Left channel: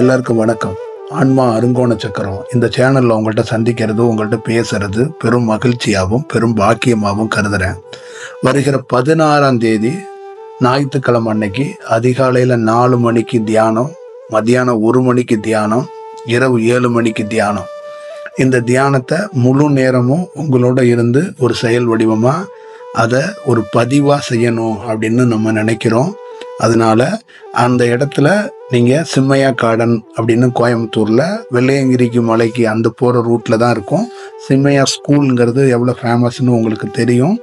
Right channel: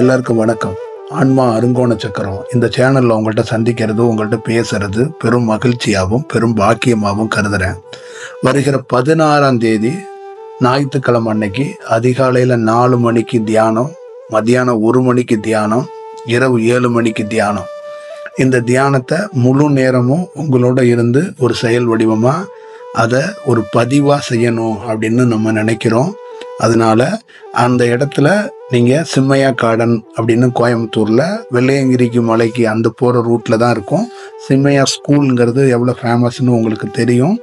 எல்லாருக்கும் வணக்கம். ஆன்மா அருங்கோண சக்கரம் இந்த சேனல்ல உங்கள்கிட்ட சந்திக்கிறது, உங்கள்கிட்ட பேசுறது பெரும் மகிழ்ச்சியாகவும் பெரும் பாக்கியமாகவும் கருதுறேன். வருகிற 16ஆம் தேதி ஞாயிற்றுக்கிழமை அன்னைக்கு அதிகாலையில் 4 மணிக்கு தியானம், மத்தியானம் 1 மணிக்கு தியானம், இரவு 7 மணிக்கு தியானம். இந்த தியானத்தை முழு நேரமும் உங்களோட இருந்து ஒரு செயல் வடிவமாக அதை ஒரு பதிவாக செய்யணும் அப்படின்னு நம்ம நினைக்கிறோம். அதனால அந்த இடத்துல நீங்கள் சிம்மையா கார்டன் அப்படின்னு கோயம்புத்தூரில் வெள்ளையங்கிரிக்கு மலைக்கு அந்த போகிற ரூட்டில் தான் இருக்கும். சிம்மையா ஸ்கூலுங்கிறது எவ்வளோ ஃபேமஸ்ன்னு உங்களுக்கு தெரியும்.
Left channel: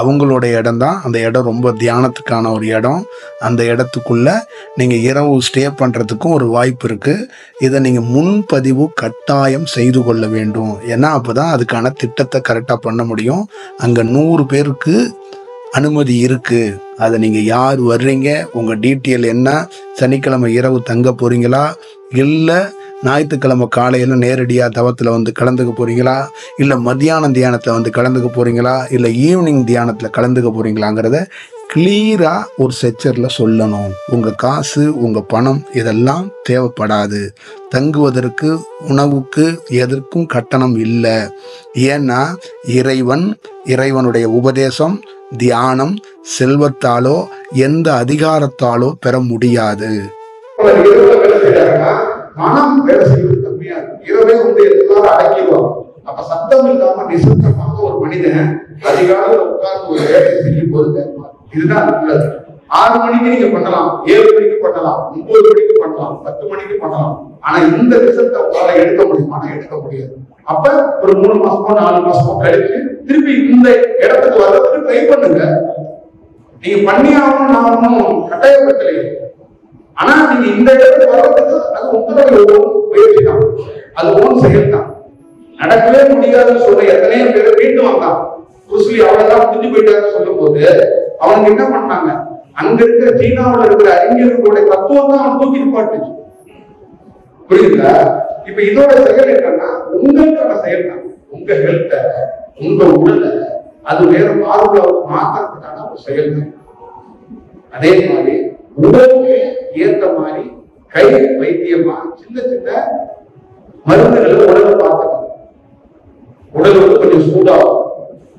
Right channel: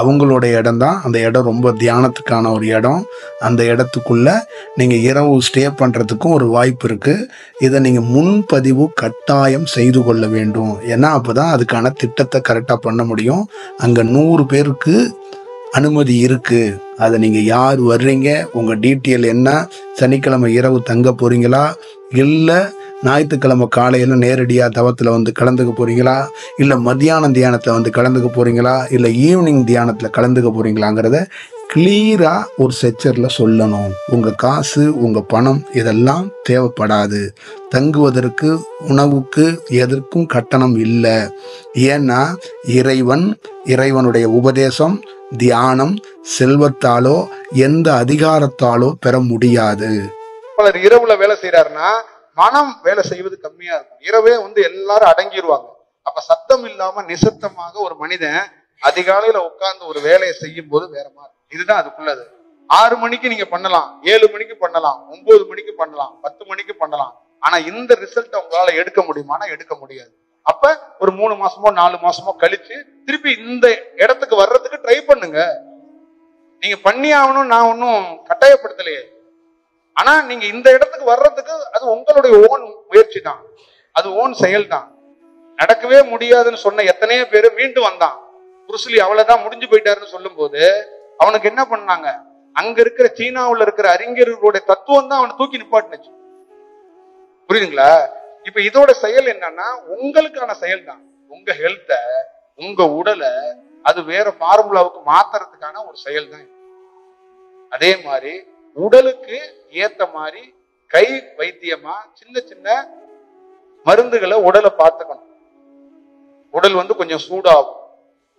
அவங்களோட இடம் தான் அந்த இடம். ரொம்ப தியானத்துக்கான ஒரு இடம். அந்த இடத்துக்குள்ளே நீங்கள் இரவு ஸ்டே பண்ணுறதுக்கும் ஒரு வாய்ப்பு இருக்குது. இதை நீங்கள் முன்பதிவு கட்டாயம் செய்து கொள்ள வேண்டும். ஏன்னா அப்போ தான் அதுக்கான திட்டத்தை கரெக்டாக பண்ண முடியும். அங்கே 100 பேருக்கு அனுமதி இருக்குது. அதை நீங்கள் யார் வர்றீங்க, உங்கள் டீட்டெயில் என்ன, சனிக்கிழமை இரவு தங்க போகிறீங்களா, இல்லை ஞாயிற்றுக்கிழமை காலையில் நேரடியாக தவத்தில் வந்து கலந்துக்க போகிறீங்களா, இல்லை மத்தியானம் தியானத்தில் வந்து கலந்துக்க போகிறீங்களா, இல்லை ஈவினிங் தியானத்தில் கலந்துக்க போகிறீங்களாங்கிறத கிளியராக ஒரு செக்சரில் சொல்லணும். உங்கள் காசு, உங்கள் பணம் இதெல்லாம் தேவைப்படாது. தங்குவதற்கு, உணவுக்கு எதற்கும் கட்டணம் இல்லை. ஏன்னா இறைவனுடைய உபதேசம், தியானம் செல்வத்தாலோ எந்த அதிகாரத்தாலோ பெற முடியாது. இரவுல வேலை செய்யறாருன்னா மனம் வேலை செய்வது கம்மியா இருக்கும். இரவே எல்லாரும் அடங்கிடுவாங்க. அப்ப சத்தம் இல்லாம நிசப்தமாக ஒரு மனிதன் அதிகாலையில உட்கார்ந்து ஒரு வேலையை செய்யும் போது இதுதான் நல்லது. 6 மணிக்கு நீங்க பண்ணலாம், 7 மணிக்கு பண்ணலாம், 9 மணிக்கு பண்ணலாம், 10 மணிக்கு பண்ணலாம். ஆனா இந்த ரிசல்ட்டை உங்களால எடுக்க முடியுமானா எடுக்க முடியாது. அப்ப ஒரு 3 மாசமோ 4 மாசமோ கழிச்சு திருப்பி இந்த இடத்துக்கு வர்றதுக்கு ட்ரை பண்ணுங்க. நீங்க பண்ணி ஆகணும், நான் ஒன்னும் கட்டாயப்படுத்தலையே. ஆனா நீங்க இந்த இடத்துக்கு வர்றதுக்கு அது உங்களுடைய ஓன் முயற்சி தான், அது ஓன் செயல் தான். நடக்கவே முடியாதுன்னு சொன்ன எத்தனையோ பேர் மீண்டும் வந்தான். புருஸ்லி அவ்வளவுதான் முடிஞ்சு போயிட்டாருன்னு சொல்லும் போது அவனுக்கு என்ன பண்ணாங்க, அங்க இருக்கிற சீனாவில் இருக்கிற அறிஞர்களுடைய தத்துவம் தான் அவனை தூக்கி நிப்பாட்டுச்சு. புரியுதுங்களா? இப்ப இதோட செயல் என்னன்னா உங்களுக்கான செயல் தான். உங்க ஹெல்த்த, உங்க உடலை அது வேற மாறுபடாவுக்கு மாத்துறதுக்கான ஒரு செயல் தான். அதே மாதிரி உடலுக்கு ஏத்த மாதிரி கை வைத்தியமா சின்ன சின்ன மருந்துகளை உடலை பார்த்துக்கணும். உடல் கொஞ்சம் சூடாகும்,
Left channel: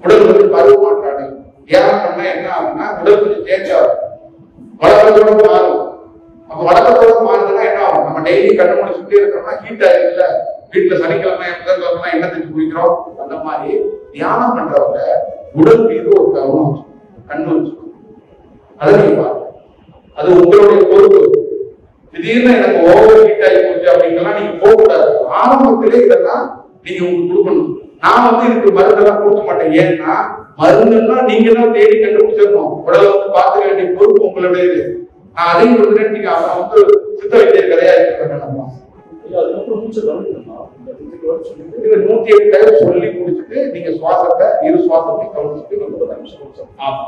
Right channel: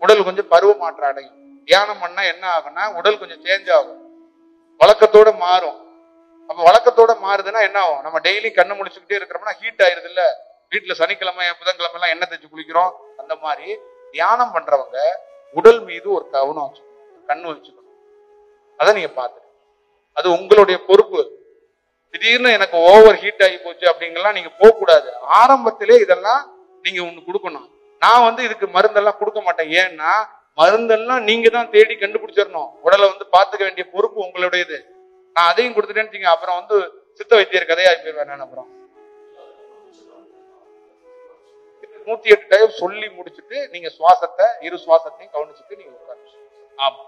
உடல் பருவ மாற்றம் அடையும். தியானம் பண்ணா என்ன ஆகும்னா உடல் கொஞ்சம் சேஞ்ச் ஆகும், வழக்கத்தோட மாறும். அப்ப வழக்கத்தோட மாறுதுன்னா என்ன ஆகும், நம்ம டெய்லி கண்ணு முடிச்சுட்டே இருக்கிறோம்னா ஹீட் ஆயிருதுல்ல. வீட்டுல சனிக்கிழமை புதன்கிழமை எல்லாம் எண்ணெய் தேய்ச்சி குளிக்கிறோம். அந்த மாதிரி தியானம் பண்றவங்க உடல் மீது ஒரு கவனம் வச்சுக்கணும், கண்ணு வச்சுக்கணும். அதை நீங்க பாருங்க, அது உங்களுடைய பொறுப்பு. திடீர்னு எனக்கு ஓவர் ஹீட் ஆகி போச்சு அப்படிங்கலாம் நீங்க போக கூடாது. ஆரம்பத்திலே இதெல்லாம் நீங்க உங்களுக்கு கொடுக்கணும். நான் இதுக்கு மருந்தெல்லாம் கொடுக்க மாட்டேன். ஏன்னா மருந்தெல்லாம் நீங்க தான் தேடி கண்டுபிடிச்சிடணும். உடலை பார்த்துக்க வேண்டிய பொறுப்பு உங்களுடையது. நான் அதையும் கொடுத்துட்டேன், நீங்க அப்புறம் சித்த வைத்தியர் கதையா இருக்கணும். 108 டைம் சொல்லி முடிச்சுட்டு நீங்க சுவாசத்தை, இரு சுவாசத்தையும் கவனிச்சுட்டு நீங்க ஆமா.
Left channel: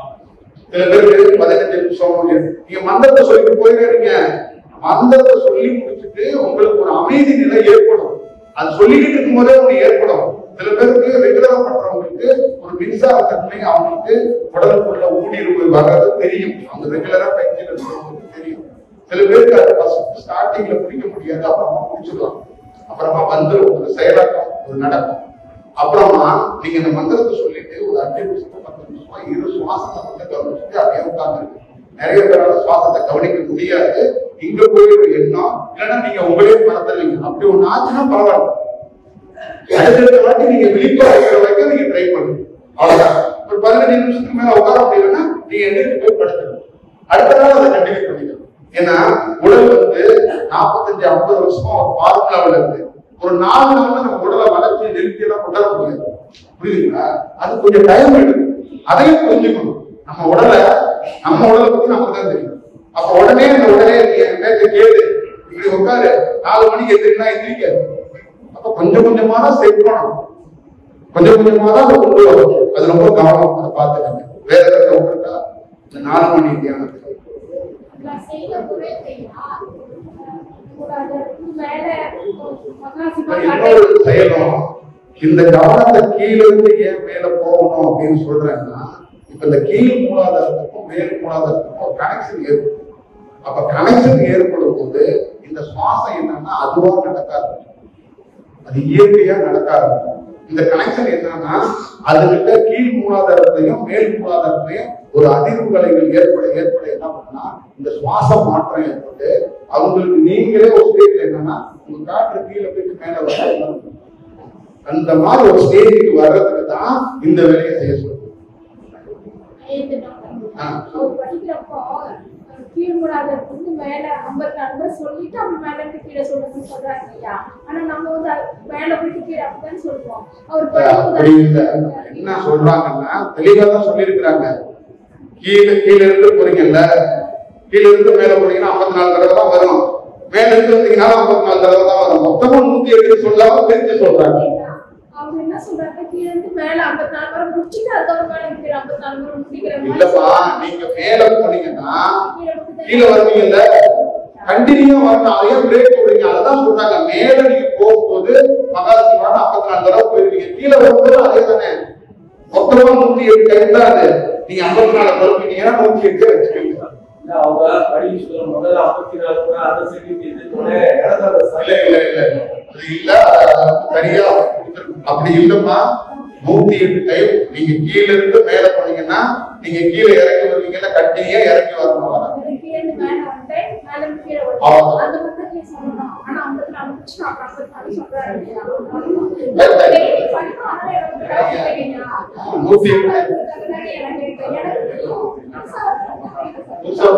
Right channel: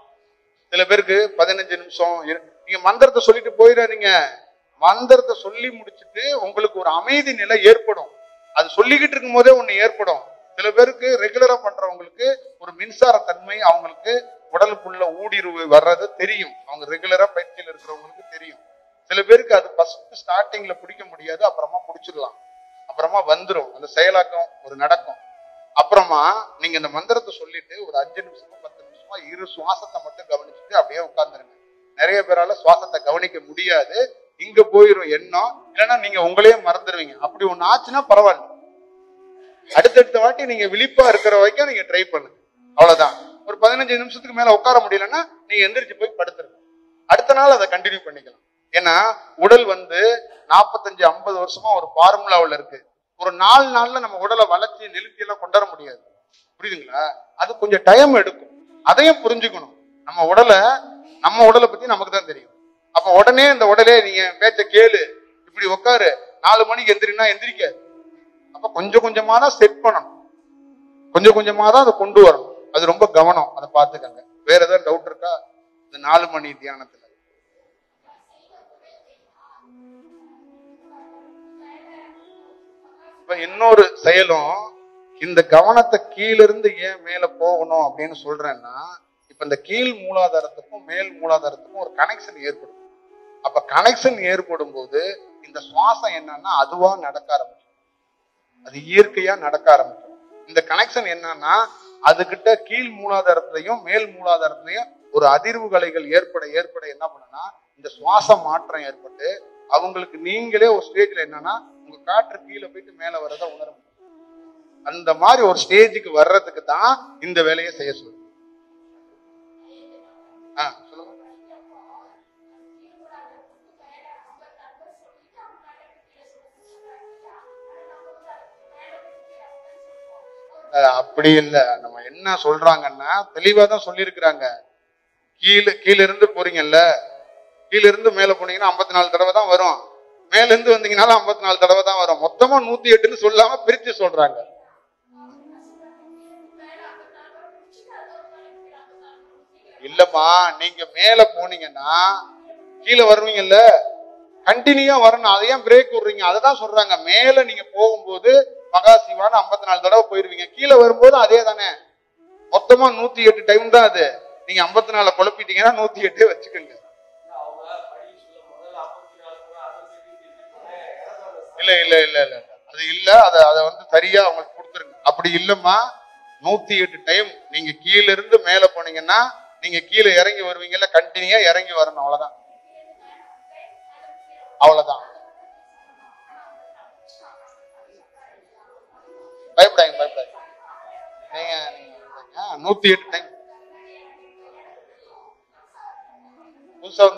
சில பேருக்கு 15 நிமிஷம் நீங்க மந்திரத்தை சொல்லிட்டு போயிடாதீங்க. மந்திரத்தை சொல்லி முடிச்சுட்டு உங்களுக்கு ஒரு அமைதி நிலை ஏற்படும். அது சொல்லிக்கிட்டு இருக்கும் போதே ஒண்ணு ஏற்படும். சில பேருக்கு ரெகுலரா பண்றவங்களுக்கு ஒரு மின்சார தன்மை அவங்களுக்கு உடலுக்குள்ள ஊடுருவு வர்றது தெரியும். அவங்க ரெகுலரா பயிற்சியில் இருக்கிறவங்களுக்கு தெரியும். சில பேருக்கு அது ஃபர்ஸ்ட் ஸ்டார்டிங்ல பிடிக்க முடியாது, அப்புறமா பிடிச்சிடலாம். அப்புறமா வந்துடும், ஒரு செயலாக்கம் அது நடக்கும். அப்புறமா நீங்க இந்த மந்திரத்தை சொல்லிட்டு ஒரு 5 நிமிஷம் 10 நிமிஷமா இரு சுவாசத்தை கவனிச்சுட்டு அப்படியே உட்கார்ந்துருக்கு. நிறைய பேரால சுவாசத்தை கவனிக்க முடியாது. இங்க போயிடும் எண்ணம், இல்லைன்னா நீங்க உங்களே மறந்துடுவீங்க. அப்படி ஒண்ணு ஆச்சுன்னா பரவாயில்ல, அடுத்தடுத்த வாட்டி நீங்க விழிப்பா இருக்கிற வரைக்கும் நீங்க ட்ரை பண்ணுங்க. அவ்வளவுதான். ஒரு 15 நிமிஷத்துக்கு மேல உட்கார முடியலன்னா நீங்க எந்திரிச்சு போய் படுத்துங்க. அடுத்த நாள் அதை கண்டினியூ பண்ணிக்கணும். ஏன்னா உடல் 45-50 வருஷமா ஒரு ஃபார்முலாவில் இருக்கு. ஒரு 4 நாள்ல நம்ம உடலை வளர்ச்சி நிறுத்தி எல்லாம் கொண்டாட முடியாது. புரியுதுங்களா? அது கொஞ்சம் டைம் எடுக்கும். அதையும் புரிஞ்சுக்கணும். நம்ம உடலை பத்தி நமக்கு தான் தெரியும். அப்ப உடனே அந்த உடலே நீங்க பேச்ச கேளு, இப்படி உட்காரு, 4 மணிக்கு எந்திரினா எந்திரிக்காது. அப்ப கொஞ்சம் கொஞ்சமா தான் செட் பண்ணணும், கொஞ்சம் கொஞ்சமா தான் அதை கொண்டு வரணும். அது ரொம்ப கவனம். அதை பார்த்துக்கங்க. வேற ஏதாவது டவுட் இருக்கா? இந்த 4 மணி தியானத்துக்கு இன்னொரு செயலும், இந்த கவனத்தை கீழிருந்து ஏன் மேல போகணும் அப்படின்னு சொல்றேன்னா, இப்ப இந்த கீழ் மூலாதாரத்துக்கும் மேல் மூலாதாரத்துக்கும் ஒரு கனெக்ஷன் ஏற்படும். அப்ப கனெக்ஷன் ஏற்படும் போது இந்த சுவாசம் என்னன்னா அதுவா நடக்காது, அது இயற்கையா நடக்காது. இந்த கனெக்ஷன் என்னன்னா அதுகிட்ட கீழ் மூலாதாரத்தையும் மேல் மூலாதாரத்தையும் ஒரு அதிர்வுகளைகள் ஏற்பட ஏற்பட என்ன பண்ணா இந்த சுவாச மாற்றம் ஏற்பட்டு அவங்களுக்கு நீங்களே ஒரு ஸ்டேஜ்ல என்னன்னா உங்க காற்று கீழே போயிட்டு மேல வர அந்த மாதிரி ஒரு ஸ்டேஜுக்கு வர்றதுக்கு தான் இந்த வேலையை செய்ய சொல்லுங்க. அப்படி இல்லை, நம்ம என்ன சொல்றாங்கன்னா தெளிவா தான் சொல்லியிருக்கிறாங்க. கீழே இருந்து போறீங்கல்ல, கீழே இருந்து மேல போனீங்கன்னா 54 தடவை தான் வரும், மேல இருந்து வந்தீங்கன்னாலும் 54 தடவை தான் வரும். மொத்தமா 108 சொல்லாம பிரிச்சு சொல்றாங்க. இல்லப்பா, நீங்க மேல போனீங்கன்னா கீழே வருவீங்கல்ல, கண்டினியூ வரணும், அதையே பிரேக் போடுறீங்க. அதுதான் சொல்றாங்க, மேல நீங்க போகும்போது மகாசிவான 54 தடவை போயிருவீங்க, கீழே வரும்போது அதே தானே. மொத்தமா 108 டைம் தான் அது. நீங்க 54 குழப்பிட்டீங்கன்னா 108 வச்சுக்கோங்க. சரியா அப்படி இல்லம்மா, 108 டைம் நீங்க கீழே இருந்து மேல போனீங்கன்னா நீங்க கீழே இறங்கி வருவீங்கல்ல, கண்டினியூயா இறங்கி வரணும். அவ்வளவுதான். 108 புதுசாக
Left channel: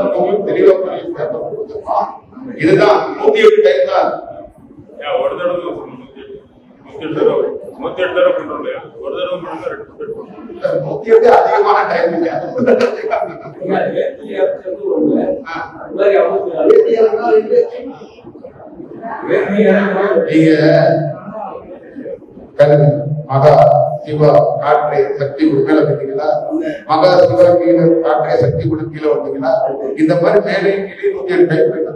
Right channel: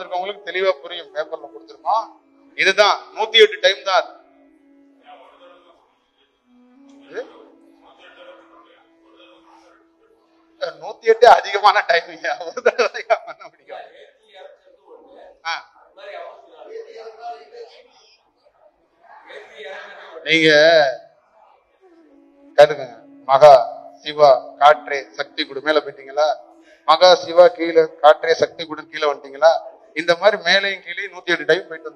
தெளிவா புரியும். பேப்பர் கொடுத்துருக்கோம், இதுதான் 108 டைம் தான். 108 அதிகமான டைம் இல்லையா? நீங்க மகா சிவா காற்றே சக்தி குடு மேல பார்த்தீங்களா, மகா சிவா கீழே காற்றே சக்தி குடு கீழே வந்தீங்களா, இந்த மாதிரி மேலே கீழே 108 டைம் போயிட்டு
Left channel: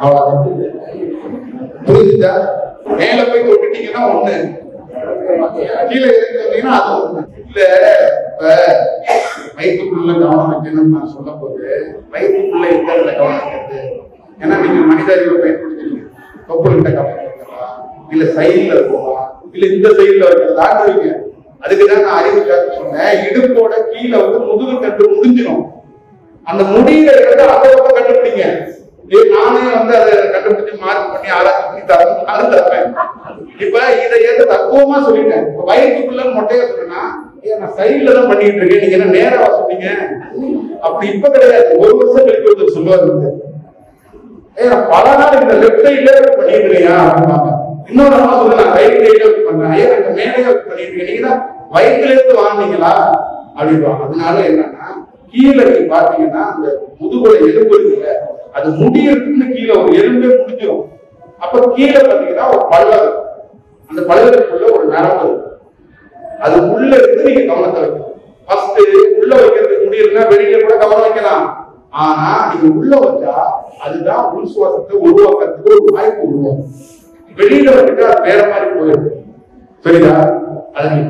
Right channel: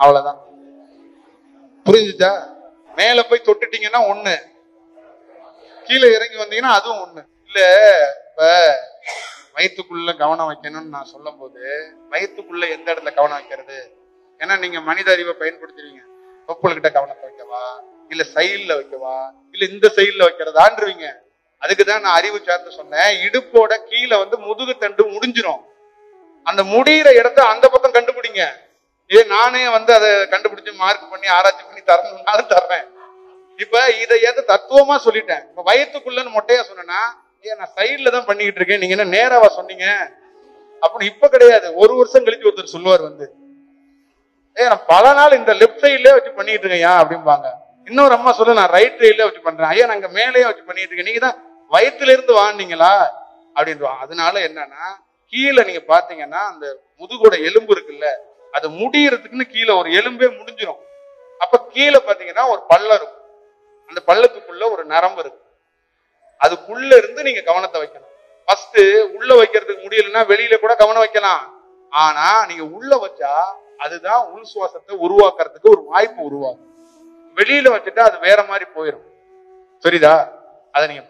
அவ்வளவுதான். புரிஞ்சுச்சா? மேல போய் தொட்டுட்டீங்கன்னா ஒண்ணு, கீழே இறங்கி வந்தீங்கன்னா அது ஒண்ணு. இல்ல இப்ப வயிற்றுக்குள்ள கவனம் வைக்கணும்னு நான் சொல்லும் போது வயிற்றுக்குள்ள எந்த இடத்துல கவனம் வைக்கிறது? ஏன்னா நீங்க மனித அறிவை பயன்படுத்துவீங்க. தொப்புள்கிட்ட கவனம் வைக்கலாம், இல்ல சைட்ல இருக்குமா, இல்ல இந்த சைட்ல வைக்கிறதான்றீங்க. அதுக்குதான் நான் அறிவு சார்ந்து சொன்னேன், இடுப்போட கீழே முதுகு தண்டு முடிஞ்சிடும், அந்த முடிகிற இடத்த அந்த பக்கம் கண்டுபிடிங்க. நானே அதை கண்டுபிடிச்சு மார்க் பண்ணி ஆராய்ச்சி பண்ணி தரேன். இப்ப இதை தத்துவமா சொல்லிட்டேன். இப்ப வயிற்றுக்குள்ள மொட்டையா சொன்னா நான் சைட்ல தான் பண்ணிட்டு இருக்கேன், நீங்க என்ன நேரவா சொன்னீங்க? அப்படி இப்ப கிடையாது. ஒரு வருஷம் கழிச்சு ஒருத்தர் சொல்லுவாரு, பல நாள் இந்த லெப்ட் சைட்ல வச்சு பண்ணிட்டு இருக்கியா அப்படின்பாங்க. இன்னொரு அம்மா சொல்ல நான் ரைட் சைட்ல வச்சு பண்றேன், ஐயா நாங்க மேலேயே வச்சு பண்ணிட்டு இருக்கேன், நீங்க தான் வயிற்றுல இருந்து வாங்கினீங்களா அப்படின்வாங்க. அதனால என்னன்னா கீழே நீங்க பாத்தீங்கன்னா அந்த முதுகோட எலும்பு இருக்குல்ல, அது முடியறதுக்குன்னு கீழே ஒரு எலும்பே முடிஞ்சிடும். அப்ப கீழே பாத்தீங்கன்னா ஒரு பள்ளம், அந்த பள்ளத்துக்குள்ள ஒரு நரம்பு இருக்கு, அது உள்ள இருந்து நீங்க கவனத்தை வைக்கணும். ஃபர்ஸ்ட் உள்ள வைக்கிறதுக்கு முடியலன்னா வெளியில கூட கவனம் வைக்கலாம், ஆனா நீங்க உள்ள வச்சா அதுதான் உள் சுவாசத்தை உருவாக்குறதுக்கு ஒரு வாய்ப்பு உருவாகும். வெளியில வந்துட்டு அது வேற மாதிரி போயிடும். சரிதா? அதை நீங்க